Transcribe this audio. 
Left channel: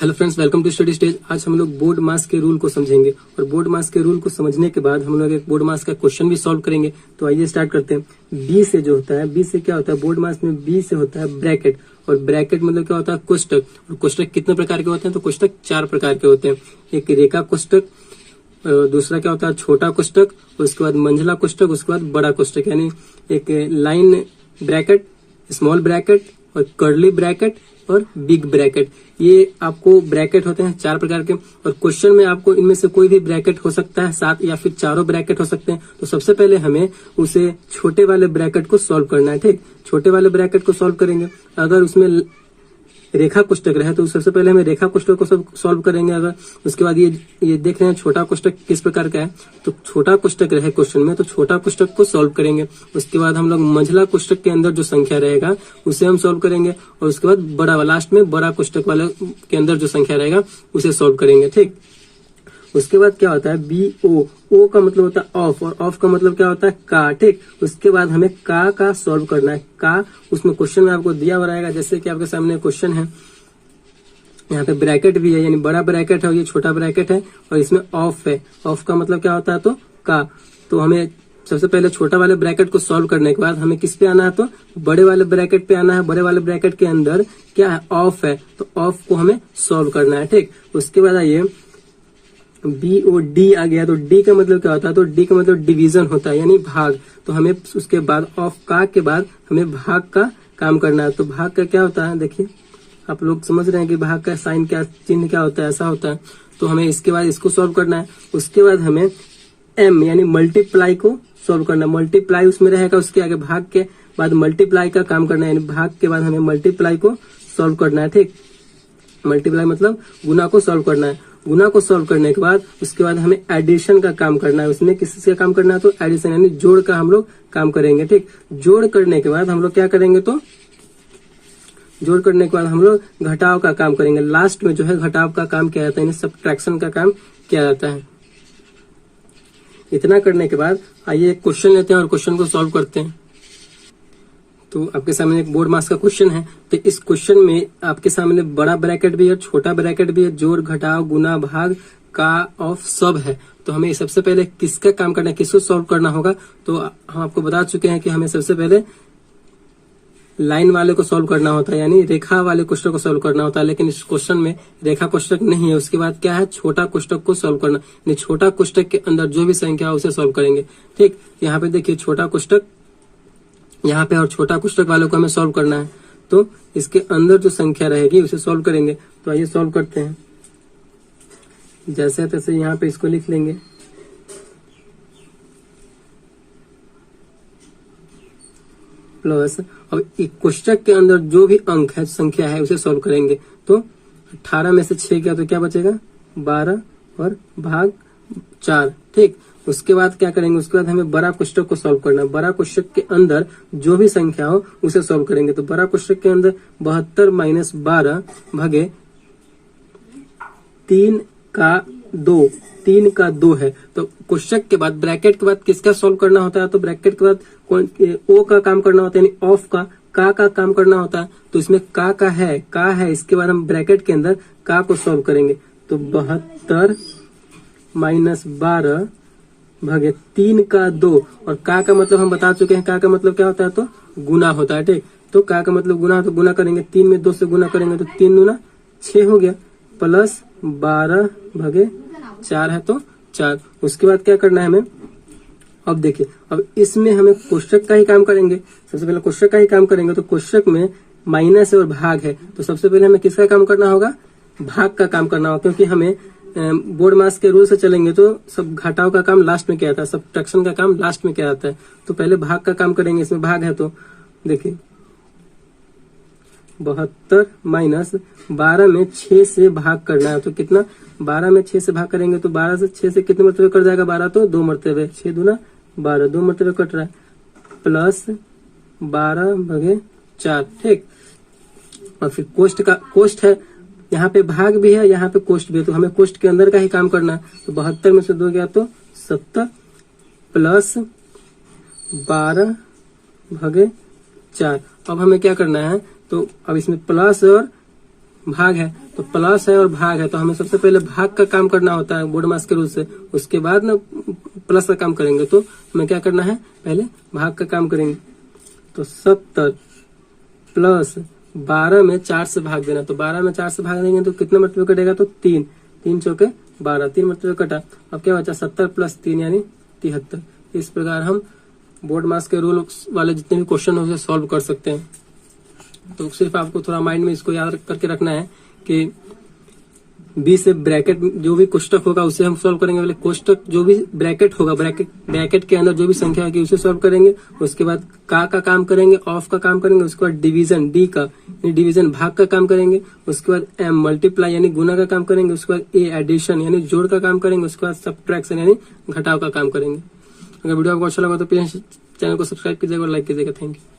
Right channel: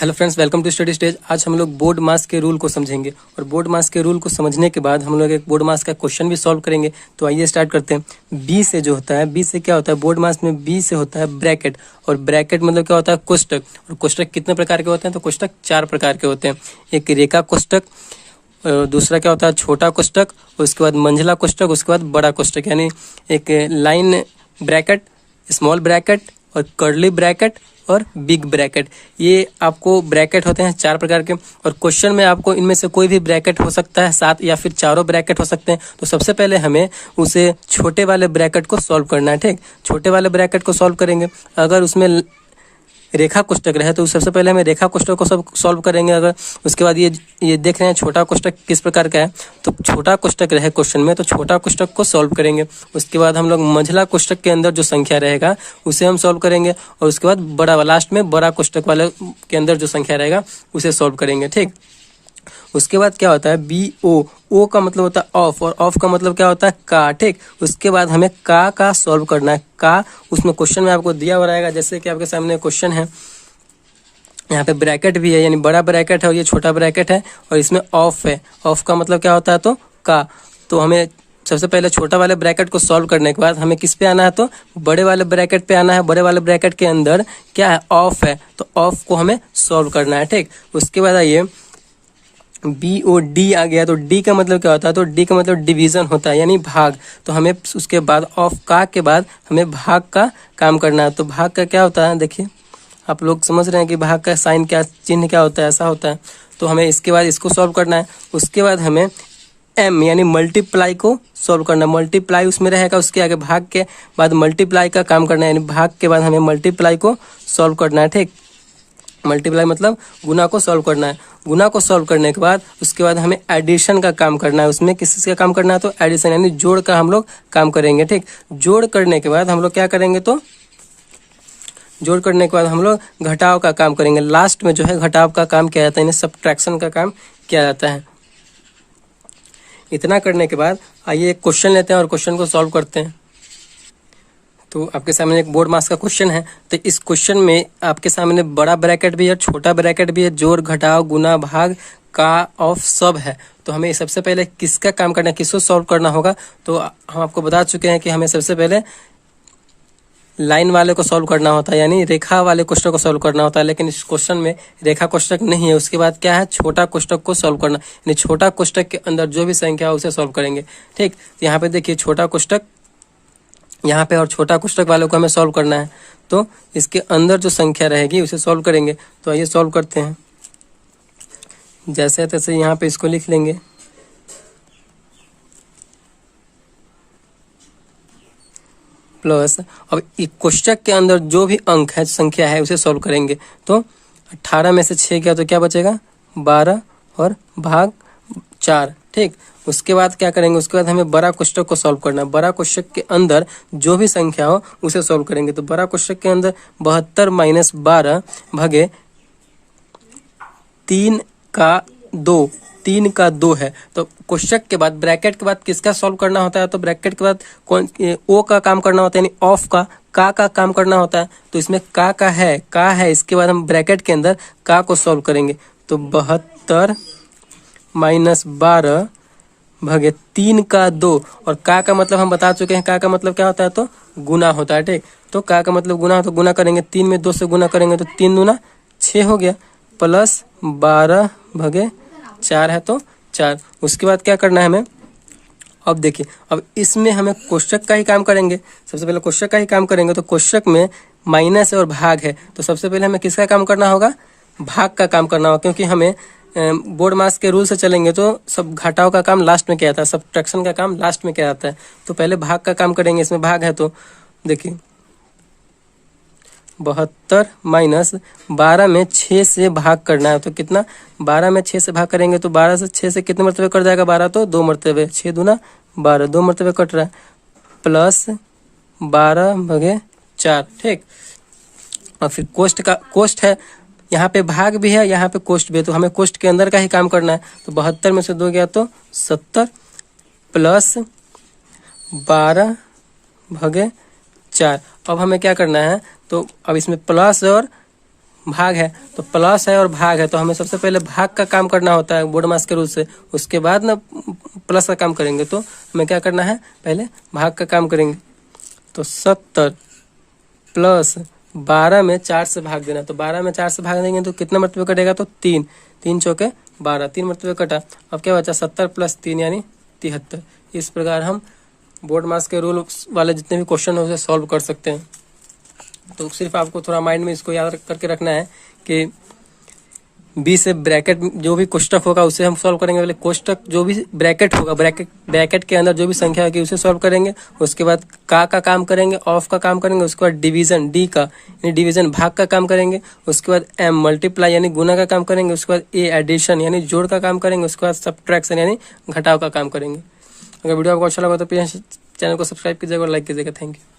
Hello friends, welcome to study stage. आज हम लोग बोर्ड मास के रूल को समझेंगे और बोर्ड मास के रूल को समझने के बाद हम लोग एक बोर्ड मास का क्वेश्चन भी सॉल्व करेंगे। तो आइए स्टार्ट करते हैं। बी से जो होता है, बी से क्या होता है बोर्ड मास में, बी से होता है ब्रैकेट। और ब्रैकेट मतलब क्या होता है, कोष्टक। और कोष्टक कितने प्रकार के होते हैं, तो कोष्टक 4 प्रकार के होते हैं। एक रेखा कोष्टक, दूसरा क्या होता है छोटा कोष्टक, उसके बाद मंझला कोष्टक, उसके बाद बड़ा कोष्टक। यानी एक लाइन ब्रैकेट, स्मॉल ब्रैकेट और कर्ली ब्रैकेट और बिग ब्रैकेट। ये आपको ब्रैकेट होते हैं 4 प्रकार के। और क्वेश्चन में आपको इनमें से कोई भी ब्रैकेट हो सकता है, 7 या फिर चारों ब्रैकेट हो सकते हैं। तो सबसे पहले हमें उसे छोटे वाले ब्रैकेट को सॉल्व करना है। ठीक, छोटे वाले ब्रैकेट को सॉल्व करेंगे। अगर उसमें रेखा कोष्टक रहे तो सबसे पहले हमें रेखा कोष्टक को सब सॉल्व करेंगे। अगर उसके बाद ये देख रहे हैं छोटा कोष्टक किस प्रकार का है, तो छोटा कोष्टक रहे क्वेश्चन में तो छोटा कोष्टक को सॉल्व करेंगे। उसके बाद हम लोग मंझला कोष्टक के अंदर जो संख्या रहेगा उसे हम सॉल्व करेंगे। और उसके बाद बड़ा लास्ट में बड़ा कोष्टक वाले के अंदर जो संख्या रहेगा उसे सॉल्व करेंगे। ठीक, उसके बाद क्या होता है बी ओ का मतलब होता है ऑफ, और ऑफ का मतलब क्या होता है का। ठीक, उसके बाद हमें का सॉल्व करना है। का उसमें क्वेश्चन में आपको दिया हुआ रहेगा, जैसे कि आपके सामने क्वेश्चन है। यहाँ पे ब्रैकेट भी है, यानी बड़ा ब्रैकेट है और ये छोटा ब्रैकेट है, और इसमें ऑफ है। ऑफ का मतलब क्या होता है, तो का। तो हमें सबसे पहले छोटा वाले ब्रैकेट को सॉल्व करने के बाद हमें किस पे आना है, तो बड़े वाले ब्रैकेट पे आना है। बड़े वाले ब्रैकेट के अंदर क्या है, ऑफ है, तो ऑफ को हमें सॉल्व करना है। ठीक, उसके बाद आइए बी ओ डी आ गया। तो डी का मतलब क्या होता है, तो डी का मतलब डिवीजन होता है, यानी भाग। तो हमें उसके बाद ऑफ का के बाद हमें भाग का काम करना है। तो भाग का क्या होता है, देखिए आप लोग समझ रहे हैं कि भाग का साइन क्या, चिन्ह क्या होता है, ऐसा होता है। तो हमें इसके बाद इसको सॉल्व करना है। उसके बाद हमें एम यानी मल्टीप्लाई को सॉल्व करना है। मल्टीप्लाई उसमें रहेगा, उसके आगे भाग के बाद मल्टीप्लाई का काम करना है, यानी भाग के बाद हमें मल्टीप्लाई को सॉल्व करना है। ठीक, मल्टीप्लाई मतलब गुना को सॉल्व करना है। गुना को सॉल्व करने के बाद उसके बाद हमें एडिशन का काम करना है। उसमें किस चीज का काम करना है, तो एडिशन यानी जोड़ का हम लोग काम करेंगे। ठीक, जोड़ करने के बाद हम लोग क्या करेंगे, तो जोड़ करने के बाद हम लोग घटाव का काम करेंगे। लास्ट में जो है घटाव का काम किया जाता है, यानी सब्ट्रैक्शन का काम किया जाता है। इतना करने के बाद आइए एक क्वेश्चन लेते हैं और क्वेश्चन को सॉल्व करते हैं। तो आपके सामने एक बोर्ड मास का क्वेश्चन है। तो इस क्वेश्चन में आपके सामने बड़ा ब्रैकेट भी है, छोटा ब्रैकेट भी है, जोड़ घटाव गुना भाग का ऑफ सब है। तो हमें सबसे पहले किसका काम करना है, किसको सॉल्व करना होगा। तो हम आपको बता चुके हैं कि हमें सबसे पहले लाइन वाले को सॉल्व करना होता है, यानी रेखा वाले कोष्टक को सॉल्व करना होता है। लेकिन इस क्वेश्चन में रेखा कोष्टक नहीं है। उसके बाद क्या है, छोटा कोष्टक को सॉल्व करना, यानी छोटा कोष्टक के अंदर जो भी संख्या है उसे सॉल्व करेंगे। ठीक, यहाँ पे देखिए छोटा कोष्टक यहाँ पे और छोटा कोष्टक वालों को हमें सॉल्व करना है। तो इसके अंदर जो संख्या रहेगी उसे सॉल्व करेंगे। तो आइए सॉल्व करते हैं। जैसे तैसे यहाँ पे इसको लिख लेंगे। प्लस अब एक कोष्टक के अंदर जो भी अंक है, संख्या है, उसे सॉल्व करेंगे। तो 18 में से 6 गया तो क्या बचेगा, 12 और भाग 4। ठीक, उसके बाद क्या करेंगे, उसके बाद हमें बड़ा कोष्टक को सॉल्व करना है। बड़ा कोष्टक के अंदर जो भी संख्या हो उसे सॉल्व करेंगे। तो बड़ा कोष्टक के अंदर 72 माइनस 12 भागे 3 का 2, 3 का 2 है। तो कोष्टक के बाद ब्रैकेट के बाद किसका सॉल्व करना होता है, तो ब्रैकेट के बाद कौन, ओ का काम करना होता है, यानी ऑफ का काम करना होता है। तो इसमें का है। इसके बाद हम ब्रैकेट के अंदर का को सॉल्व करेंगे। तो 72 माइनस 12 भागे 3 का 2, और का मतलब हम बता चुके हैं, का मतलब क्या होता है, तो गुना होता है। ठीक, तो का मतलब गुना, तो गुना करेंगे 3 में 2 से गुना करेंगे तो 3 दूना 6 हो गया, प्लस 12 भागे 4 है तो 4। उसके बाद क्या करना है हमें, अब देखिए अब इसमें हमें कोष्टक का ही काम करेंगे। सबसे पहले कोष्टक का ही काम करेंगे। तो कोष्टक में माइनस और भाग है, तो सबसे पहले हमें किसका काम करना होगा, भाग का काम करना होगा। क्योंकि हमें बोर्ड मास के रूल से चलेंगे तो सब घटाव का काम लास्ट में किया जाता है, सब्ट्रैक्शन का काम लास्ट में किया जाता है। तो पहले भाग का काम करेंगे। इसमें भाग है तो देखिए 72 माइनस 12 में 6 से भाग करना है। तो कितना, 12 में 6 से भाग करेंगे तो 12 से 6 से कितने मरतबे कट जाएगा, 12 तो 2 मरतबे, 6 दूना 12, 2 मरतबे कट रहा है, प्लस 12 भागे 4। ठीक, और फिर कोष्ट है, यहाँ पे भाग भी है, यहाँ पे कोष्ट भी है। तो हमें कोष्ट के अंदर का ही काम करना है। तो 72 में से 2 गया तो 70, प्लस 12 भागे 4। अब हमें क्या करना है, तो अब इसमें प्लस और भाग है, तो प्लस है और भाग है, तो हमें सबसे पहले भाग का काम करना होता है बोर्ड मास के रूल से, उसके बाद ना प्लस का काम करेंगे। तो हमें क्या करना है, पहले भाग का काम करेंगे। तो 70 प्लस 12 में 4 से भाग देना, तो 12 में 4 से भाग देंगे तो कितना मरतबे कटेगा, तो 3, 3 चौके 12, 3 मरतबे कटा। अब क्या बचा, 70 प्लस 3 यानी 73। इस प्रकार हम बोर्ड मास के रूल वाले जितने भी क्वेश्चन हो उसे सॉल्व कर सकते हैं। तो सिर्फ आपको थोड़ा माइंड में इसको याद करके रखना है कि बी से ब्रैकेट जो भी कोष्टक होगा उसे हम सॉल्व करेंगे। पहले कोष्टक जो भी ब्रैकेट होगा, ब्रैकेट के अंदर जो भी संख्या होगी उसे सॉल्व करेंगे। उसके बाद का काम करेंगे, ऑफ का काम करेंगे। उसके बाद डिवीजन, डी का यानी डिवीजन भाग का काम करेंगे। उसके बाद एम मल्टीप्लाई यानी गुना का काम करेंगे। उसके बाद ए एडिशन यानी जोड़ का काम करेंगे। उसके बाद सब्ट्रैक्शन यानी घटाव का काम करेंगे। अगर वीडियो आपको अच्छा लगा तो प्लीज चैनल को सब्सक्राइब कीजिएगा और लाइक कीजिएगा। Thank you.